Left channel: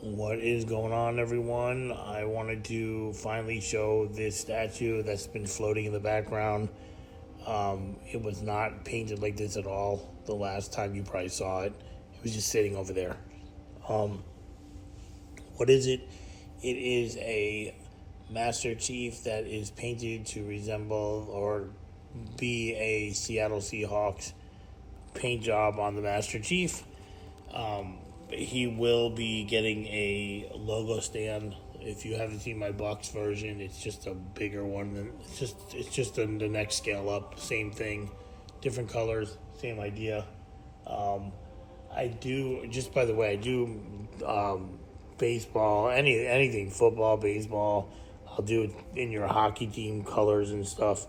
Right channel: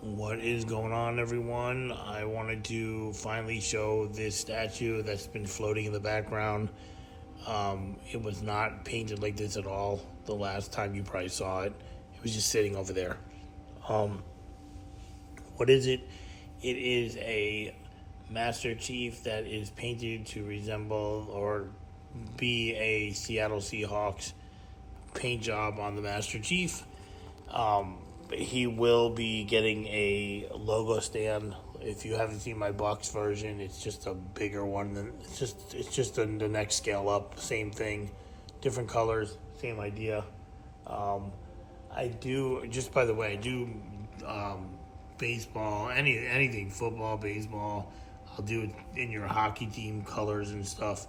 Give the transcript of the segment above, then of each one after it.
What is going on, everyone? I wanted to finally show this statue that's been floating in the background. It was not painted like this at all the last time you probably saw it. It was just sitting over there. Um, what is it? It is a Master Chief that is painted to resemble or be a Seattle Seahawks paint job on the Master Chief. He will be getting a logo stand. If you haven't seen my box version, it's just a bigger one. It's just the next scale up. Same thing, different colors, same idea. I do, just by the way, I do baseball, anything, football, baseball. I'll do it in your hockey team colors and stuff.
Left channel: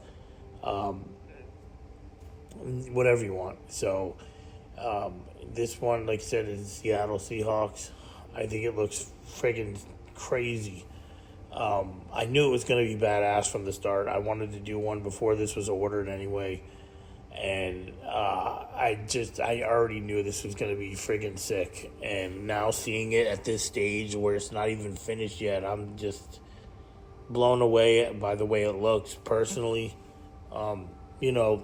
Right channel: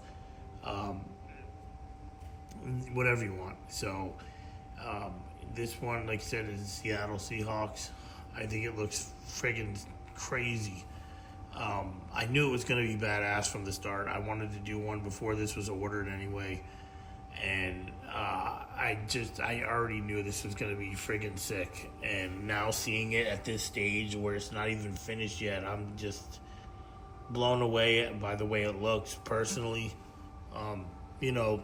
Whatever you want. So this one, like I said, is Seattle Seahawks. I think it looks friggin' crazy. I knew it was going to be badass from the start. I wanted to do one before this was ordered anyway. And I already knew this was going to be friggin' sick. And now seeing it at this stage where it's not even finished yet, I'm just blown away by the way it looks personally. You know,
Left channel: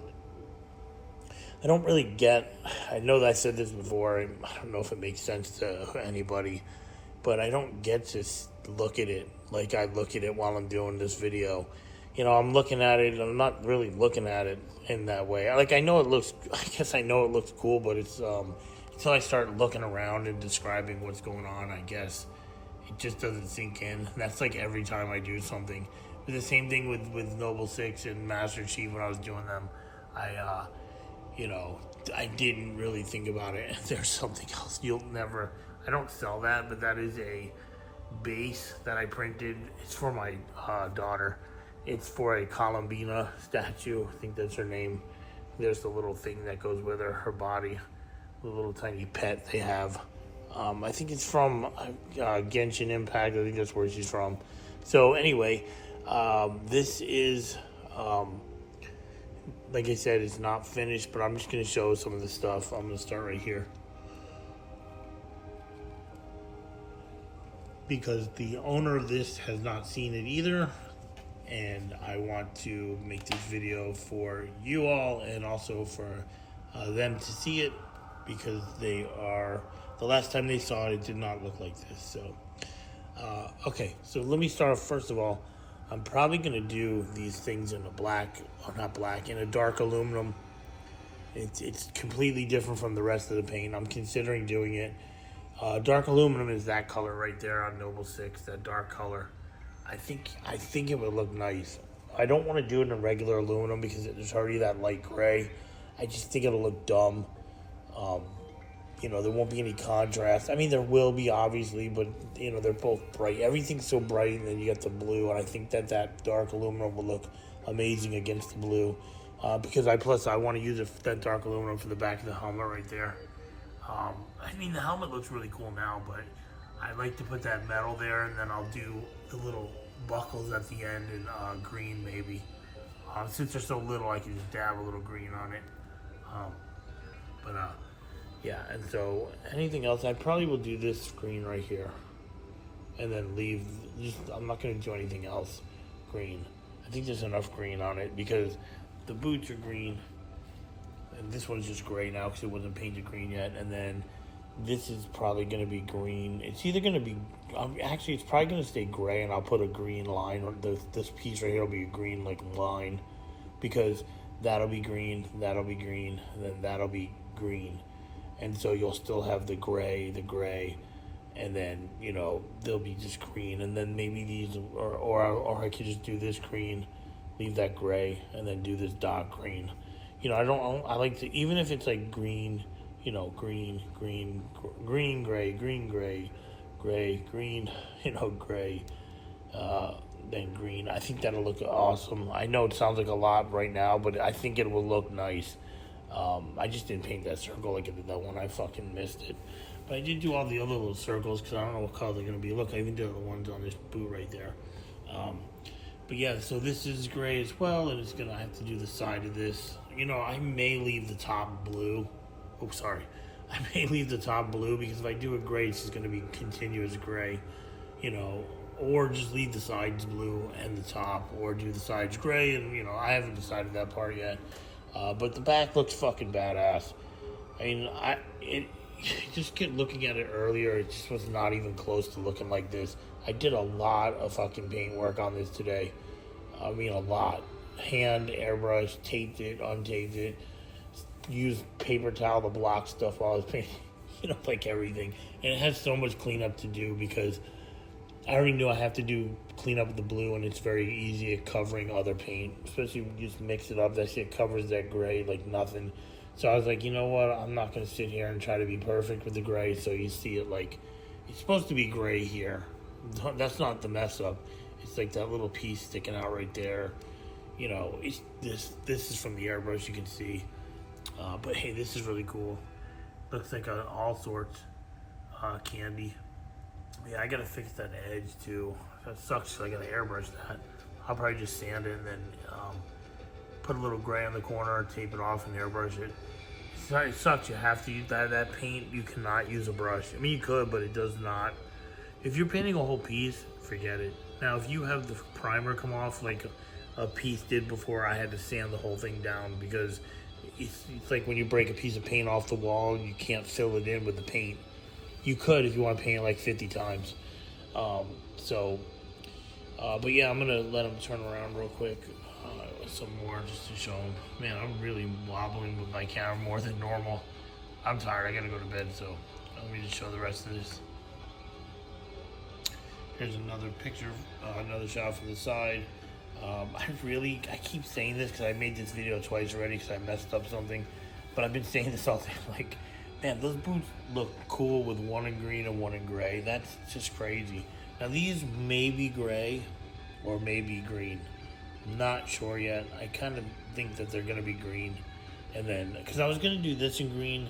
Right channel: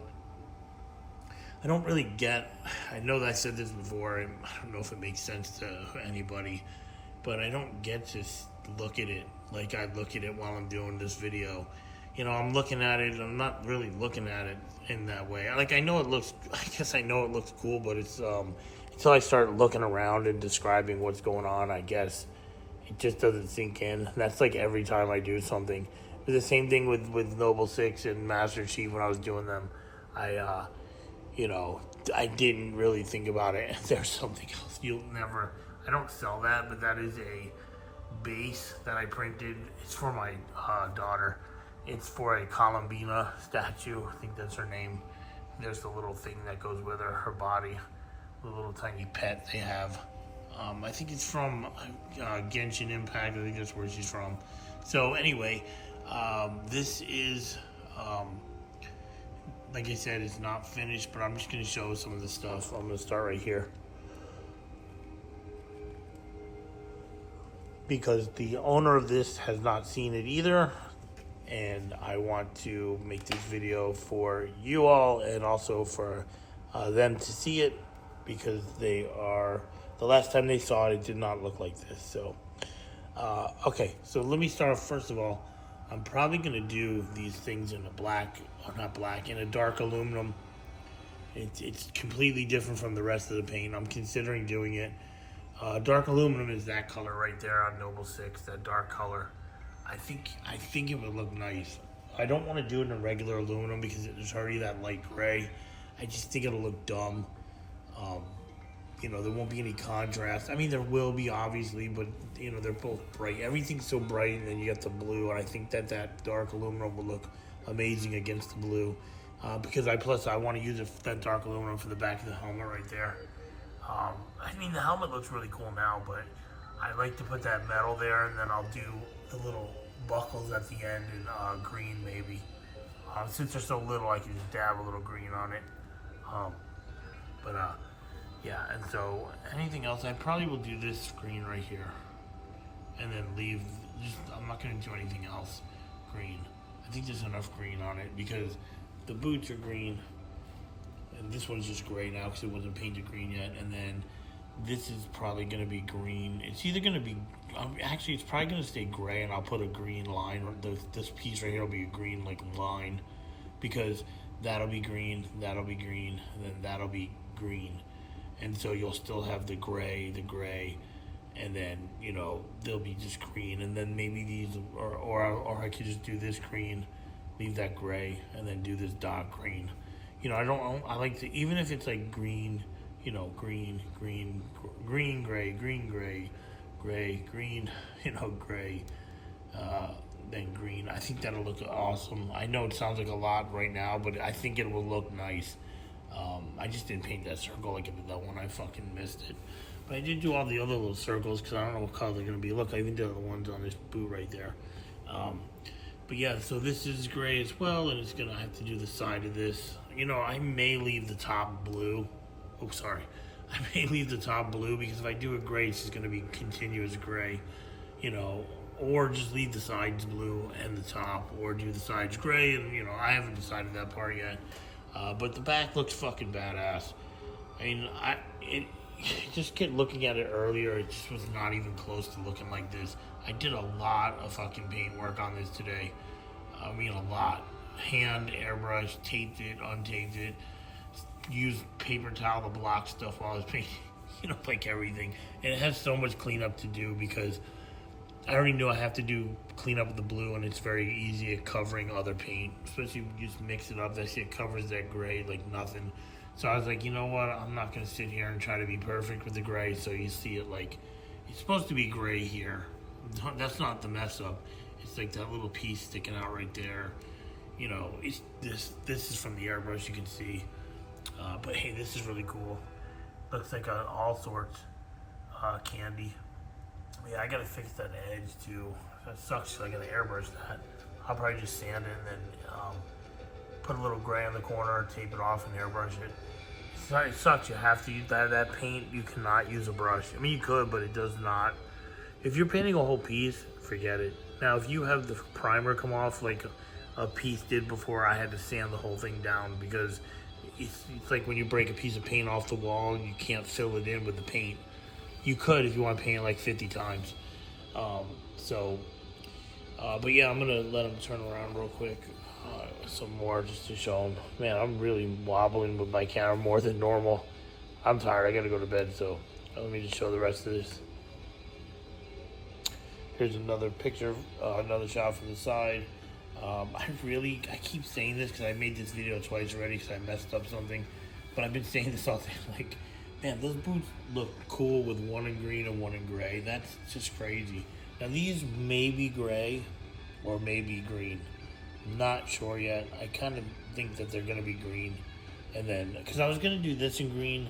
I don't really get, I know that I said this before, and I don't know if it makes sense to anybody, but I don't get to look at it like I look at it while I'm doing this video. You know, I'm looking at it, and I'm not really looking at it in that way. Like, I know it looks, I guess I know it looks cool, but it's, until I start looking around and describing what's going on, I guess, it just doesn't sink in. And that's like every time I do something. It was the same thing with Noble Six and Master Chief when I was doing them. I didn't really think about it. There's something else I don't sell that, but that is a base that I printed. It's for my daughter. It's for a Columbina statue. I think that's her name. There's the little thing that goes with her body, the little tiny pet they have. I think it's from Genshin Impact. I think that's where she's from. So anyway, this is... like I said, it's not finished, but I'm just going to show some of the stuff. I'm going to start right here, because the owner of this has not seen it either, and I want to make this video for you all and also for them to see it, because the last time they saw it, it did not look like this. So okay, so let me start off. First of all, I'm probably going to do these things in a in a dark aluminum. It's completely different from the rest of the paint. I'm considering doing it. Dark aluminum is that color right there on Noble 6, that dark color. I think it would look nice. I don't want to do it in a regular aluminum because it's already that light gray. I just think it'll look dumb. There won't be any contrast. I mean, there will be, obviously, but, they're both bright. Everything's so bright, and then you get the blue, and I think that dark aluminum will look amazing against the blue. Because I want to use that dark aluminum for the back of the helmet right there. I mean, the helmet looks really cool now, but I like to put that metal there, and then I'll do the little buckles at the end in green, maybe. Since they're so little, I can just dab a little green on it. Yeah, and so anything else, I probably will do this green right here, and then I'm not going to do anything else green. I think there's enough green on it, because the boots are green, and this one's just gray now because it wasn't painted green yet, and then this is probably going to be green. It's either going to be, actually it's probably going to stay gray, and I'll put a green line, or this piece right here will be a green line, because that'll be green, and then that'll be green. And so you'll still have the gray, and then, they'll be just green. And then maybe these, or I could just do this green, leave that gray, and then do this dark green. I like to, even if it's like green, green, gray, gray, green, gray, then green. I think that'll look awesome. I know it sounds like a lot right now, but I think it will look nice. I just didn't paint that circle like I did that one. I fucking missed it. But I did do all the other little circles because I don't know what color they're going to be. Look, I even did the ones on this boot right there. But yeah, so this is gray as well, and it's going to have to do the side of this. I may leave the top blue. Oh, sorry. I may leave the top blue because if I do it gray, it's just going to be continuous gray, you know, or just leave the sides blue and the top, or do the sides gray, and you know, I haven't decided that part yet. But the back looks fucking badass. I mean, just get looking at it earlier, it just was not even close to looking like this. I did a lot of fucking paint work on this today. I mean, a lot. Hand, airbrush, taped it, untaped it, used paper towel to block stuff while I was painting, you know, like everything. And it has so much cleanup to do because I already knew I have to do clean up the blue, and it's very easy at covering other paint, especially when you just mix it up. That shit covers that gray like nothing. So I was like, you know what? I'm not going to sit here and try to be perfect with the gray. So you see it like, it's supposed to be gray here. That's not the mess up. It's like that little piece sticking out right there. You know, it's this is from the airbrush, you can see. But hey, this is really cool. Looks like all sorts candy. Yeah, I got to fix that edge too. That sucks, I got to airbrush that. I'll probably just sand it and then put a little gray on the corner, tape it off, and airbrush it. It sucks. You have to use that paint. You cannot use a brush. I mean, you could, but it does not. If you're painting a whole piece, forget it. Now, if you have the primer come off like a piece did before, I had to sand the whole thing down because it's like when you break a piece of paint off the wall and you can't fill it in with the paint. You could if you want to paint it like 50 times. But yeah, I'm gonna let them turn around real quick. Some more just to show them. Man, I'm really wobbling with my camera more than normal. I'm tired. I gotta go to bed, so let me just show the rest of this. Here's another picture, another shot from the side. I keep saying this because I made this video twice already because I messed up something, but I've been saying this all day. Like, man, those boots look cool with one in green and one in gray. That's just crazy. Now these may be gray or maybe green. Not sure yet. I kind of think that they're gonna be green, and then because I was gonna do this in green,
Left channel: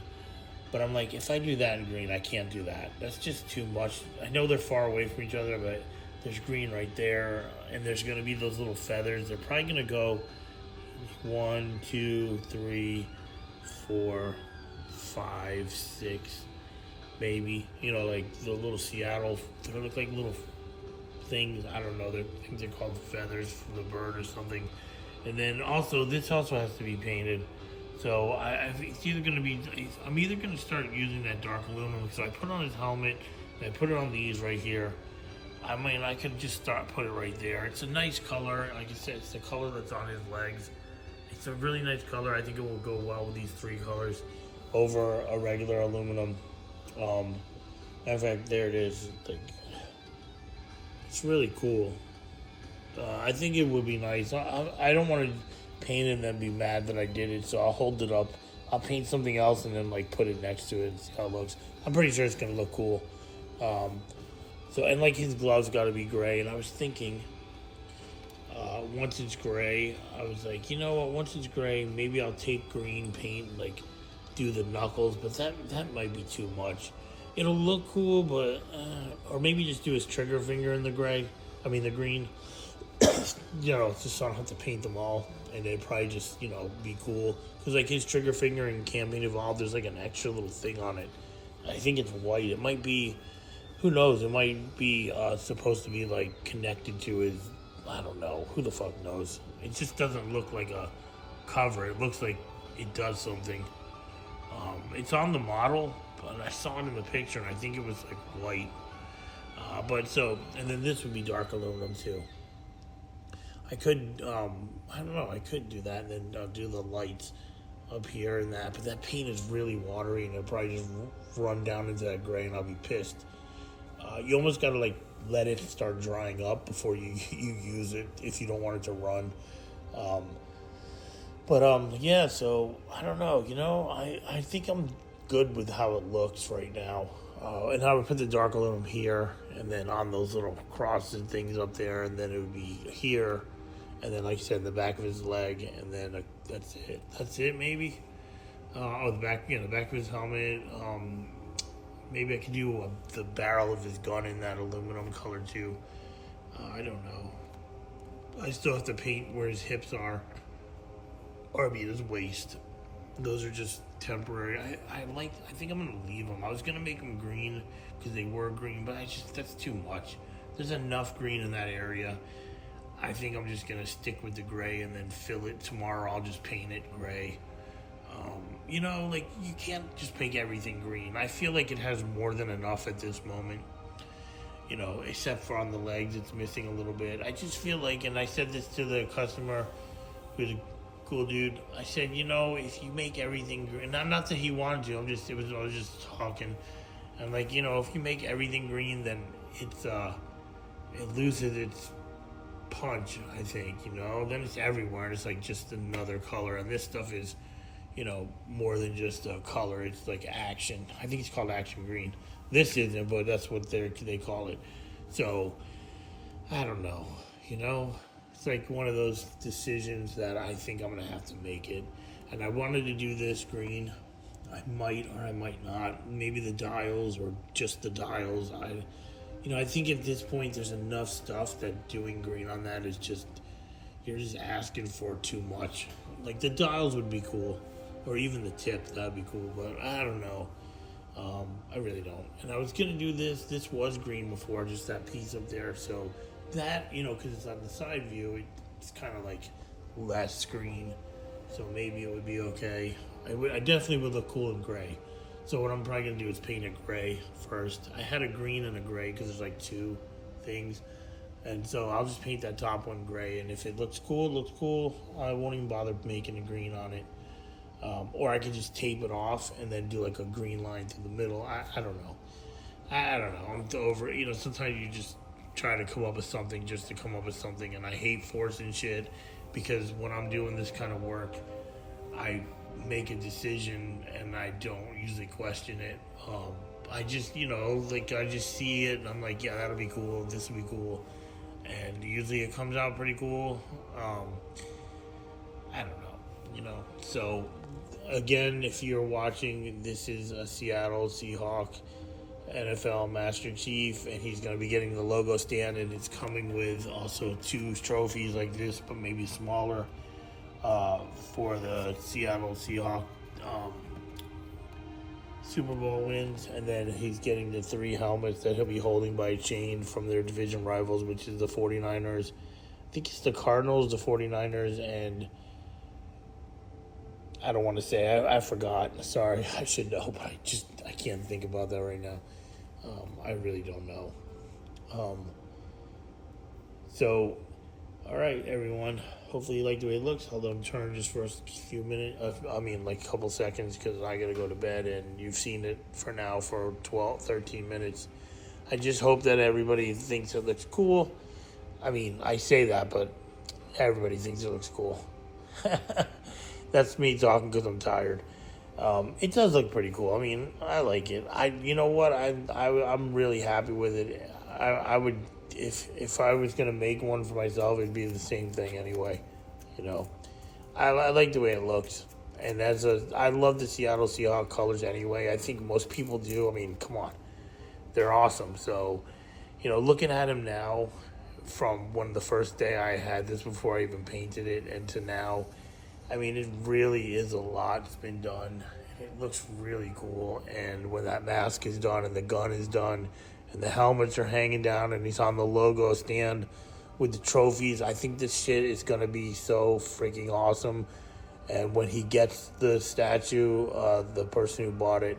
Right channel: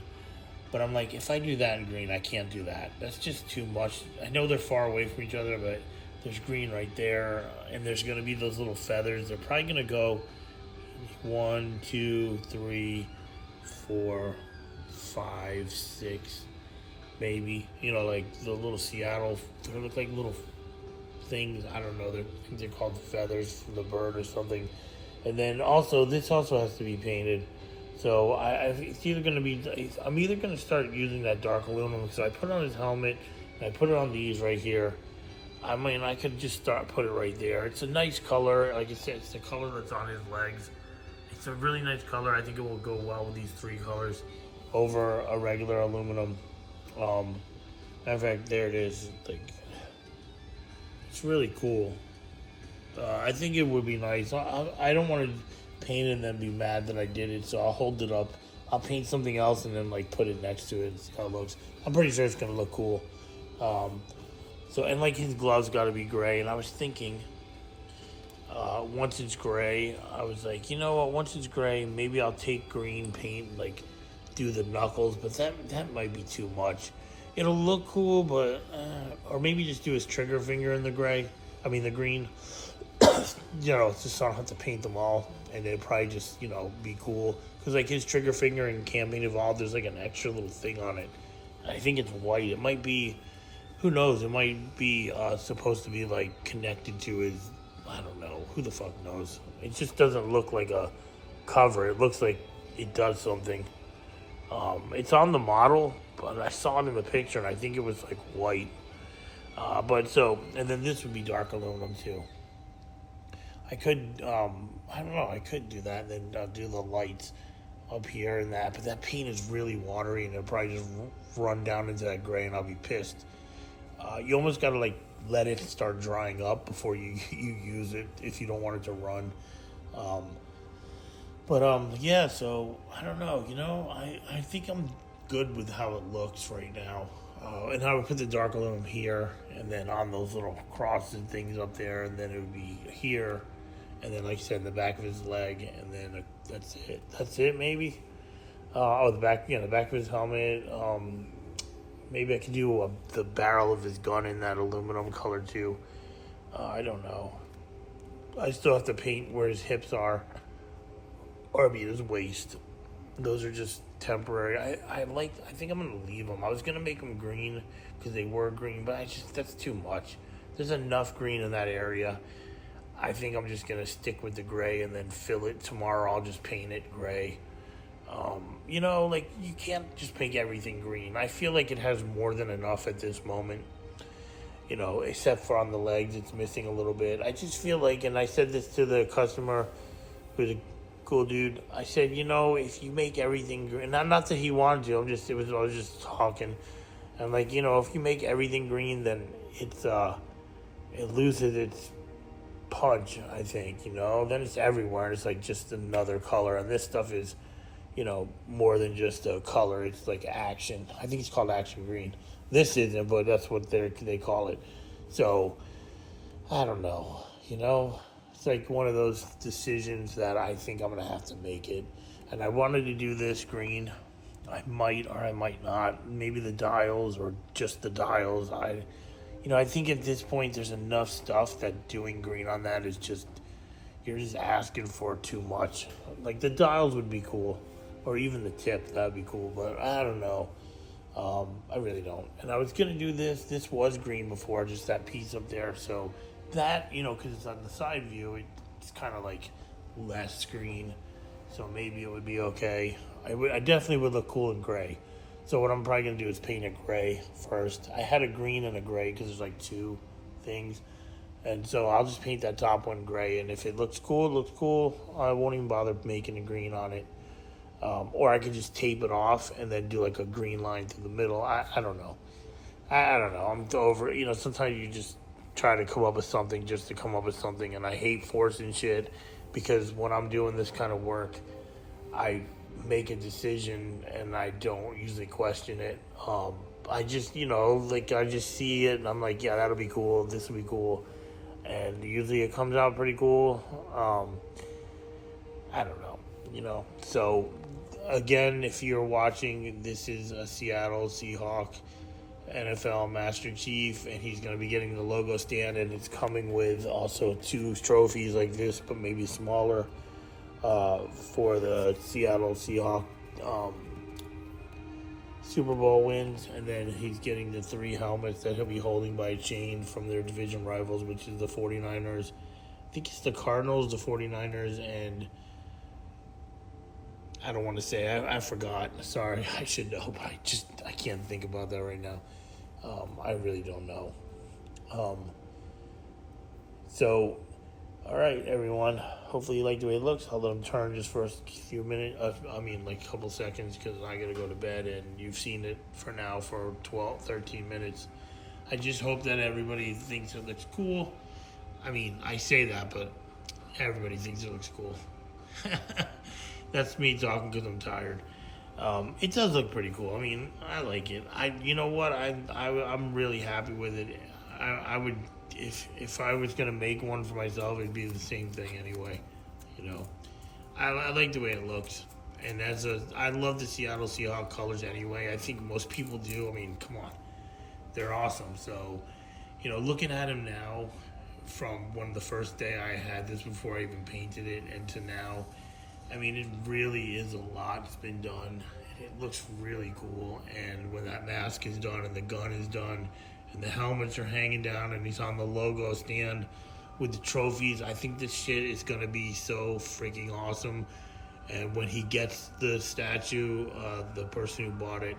but I'm like, if I do that in green, I can't do that. That's just too much. I know they're far away from each other, but there's green right there, and there's gonna be those little feathers. They're probably gonna go 1, 2, 3, 4, 5, 6, maybe. You know, like the little Seattle. They look like little things. I don't know. I think they're called feathers from the bird or something. And then also, this also has to be painted. So it's either going to be, I'm either going to start using that dark aluminum. So I put on his helmet, and I put it on these right here. I mean, I could just put it right there. It's a nice color. Like I said, it's the color that's on his legs. It's a really nice color. I think it will go well with these 3 colors over a regular aluminum. Matter of fact, there it is. Like, it's really cool. I think it would be nice. I don't want to paint it and then be mad that I did it, so I'll hold it up. I'll paint something else and then like put it next to it and see how it looks. I'm pretty sure it's gonna look cool. And like his gloves got to be gray, and I was thinking, once it's gray, I was like, you know what? Once it's gray, maybe I'll take green paint and like do the knuckles, but that might be too much. It'll look cool, but or maybe just do his trigger finger in the gray. I mean the green. You know, just so I don't have to paint them all, and it'd probably just, you know, be cool. Because like his trigger finger in Campaign Evolved, there's like an extra little thing on it. I think it's white. It might be, who knows? It might be supposed to be like connected to his, I don't know. Who the fuck knows? It just doesn't look like a cover. It looks like it does something. It's on the model, but I saw it in the picture, and I think it was like white. And then this would be dark aluminum too. I could, I don't know, I could do that and then do the lights up here and that, but that paint is really watery and it'll probably just run down into that gray and I'll be pissed. You almost gotta like let it start drying up before you use it if you don't want it to run. Yeah, so I don't know, you know, I think I'm good with how it looks right now. And I would put the dark aluminum here and then on those little crosses and things up there, and then it would be here. And then, like I said, the back of his leg, and then that's it. That's it, maybe. The back of his helmet. Maybe I could do the barrel of his gun in that aluminum color too. I don't know. I still have to paint where his hips are, or maybe his waist. those are just temporary. I think I'm gonna leave them. I was gonna make them green because they were green, but that's too much. There's enough green in that area. I think I'm just gonna stick with the gray and then fill it tomorrow. I'll just paint it gray. Like you can't just make everything green. I feel like it has more than enough at this moment. Except for on the legs, it's missing a little bit. I just feel like, and I said this to the customer, who's a cool dude. I said, if you make everything green, not that he wanted to. I was just talking. I'm like, if you make everything green, then it loses its punch. I think, then it's everywhere. It's like just another color, and this stuff is, more than just a color. It's like action. I think it's called action green. This isn't, but that's what they call it. So, I don't know. It's like one of those decisions that I think I'm going to have to make it. And I wanted to do this green. I might or I might not. Maybe the dials or just the dials. I think at this point there's enough stuff that doing green on that is just, you're just asking for too much. Like the dials would be cool. Or even the tip, that'd be cool. But I don't know. I really don't. And I was going to do this. This was green before, just that piece up there. So that, because it's on the side view, it's kind of like less green. So maybe it would be okay. I definitely would look cool in gray. So what I'm probably going to do is paint it gray first. I had a green and a gray because there's like two things. And so I'll just paint that top one gray. And if it looks cool, it looks cool. I won't even bother making a green on it. Or I could just tape it off and then do like a green line through the middle. I don't know. I don't know. I'm over. Sometimes you just try to come up with something just to come up with something, and I hate forcing shit because when I'm doing this kind of work, I make a decision and I don't usually question it. I just, I just see it and I'm like, yeah, that'll be cool. This will be cool, and usually it comes out pretty cool. I don't know. So. Again, if you're watching, this is a Seattle Seahawk NFL Master Chief, and he's going to be getting the logo stand, and it's coming with also 2 trophies like this, but maybe smaller, for the Seattle Seahawk Super Bowl wins. And then he's getting the 3 helmets that he'll be holding by a chain from their division rivals, which is the 49ers. I think it's the Cardinals, the 49ers, and I don't want to say. I forgot. Sorry, I should know, but I can't think about that right now. I really don't know. So, all right, everyone. Hopefully you like the way it looks. I'll let them turn just for a few minutes. Like a couple seconds because I got to go to bed, and you've seen it for now for 12, 13 minutes. I just hope that everybody thinks it looks cool. I say that, but everybody thinks it looks cool. That's me talking because I'm tired. It does look pretty cool. I like it. You know what? I'm really happy with it. I would, if I was gonna make one for myself, it'd be the same thing anyway. I like the way it looks, and I love the Seattle Seahawks colors anyway. I think most people do. Come on, they're awesome. So, looking at them now, from when the first day I had this before I even painted it, and to now. It really is a lot that's been done. It looks really cool. And when that mask is done and the gun is done and the helmets are hanging down and he's on the logo stand with the trophies, I think this shit is going to be so freaking awesome. And when he gets the statue, the person who bought it,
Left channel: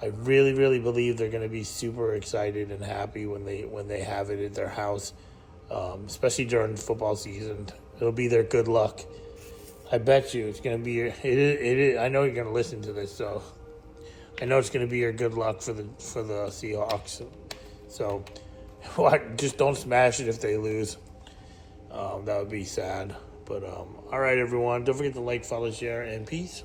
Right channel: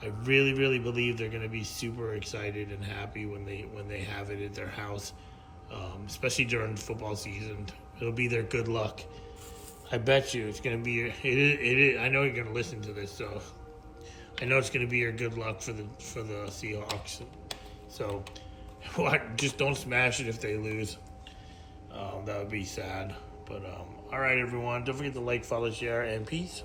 I really, really believe they're going to be super excited and happy when they have it at their house, especially during football season. It'll be their good luck. I bet you it's going to be it is. I know you're going to listen to this, so I know it's going to be your good luck for the Seahawks. So, just don't smash it if they lose. That would be sad. But all right, everyone, don't forget to like, follow, share, and peace.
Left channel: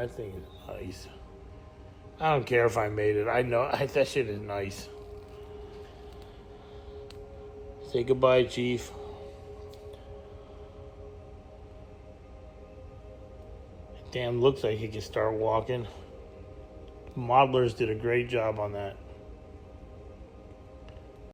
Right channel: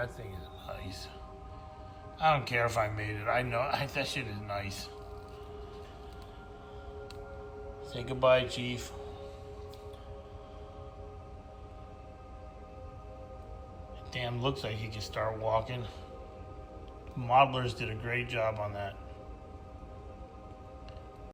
That thing is nice. I don't care if I made it. I know that shit is nice. Say goodbye, Chief. Dan looks like he can start walking. Modelers did a great job on that.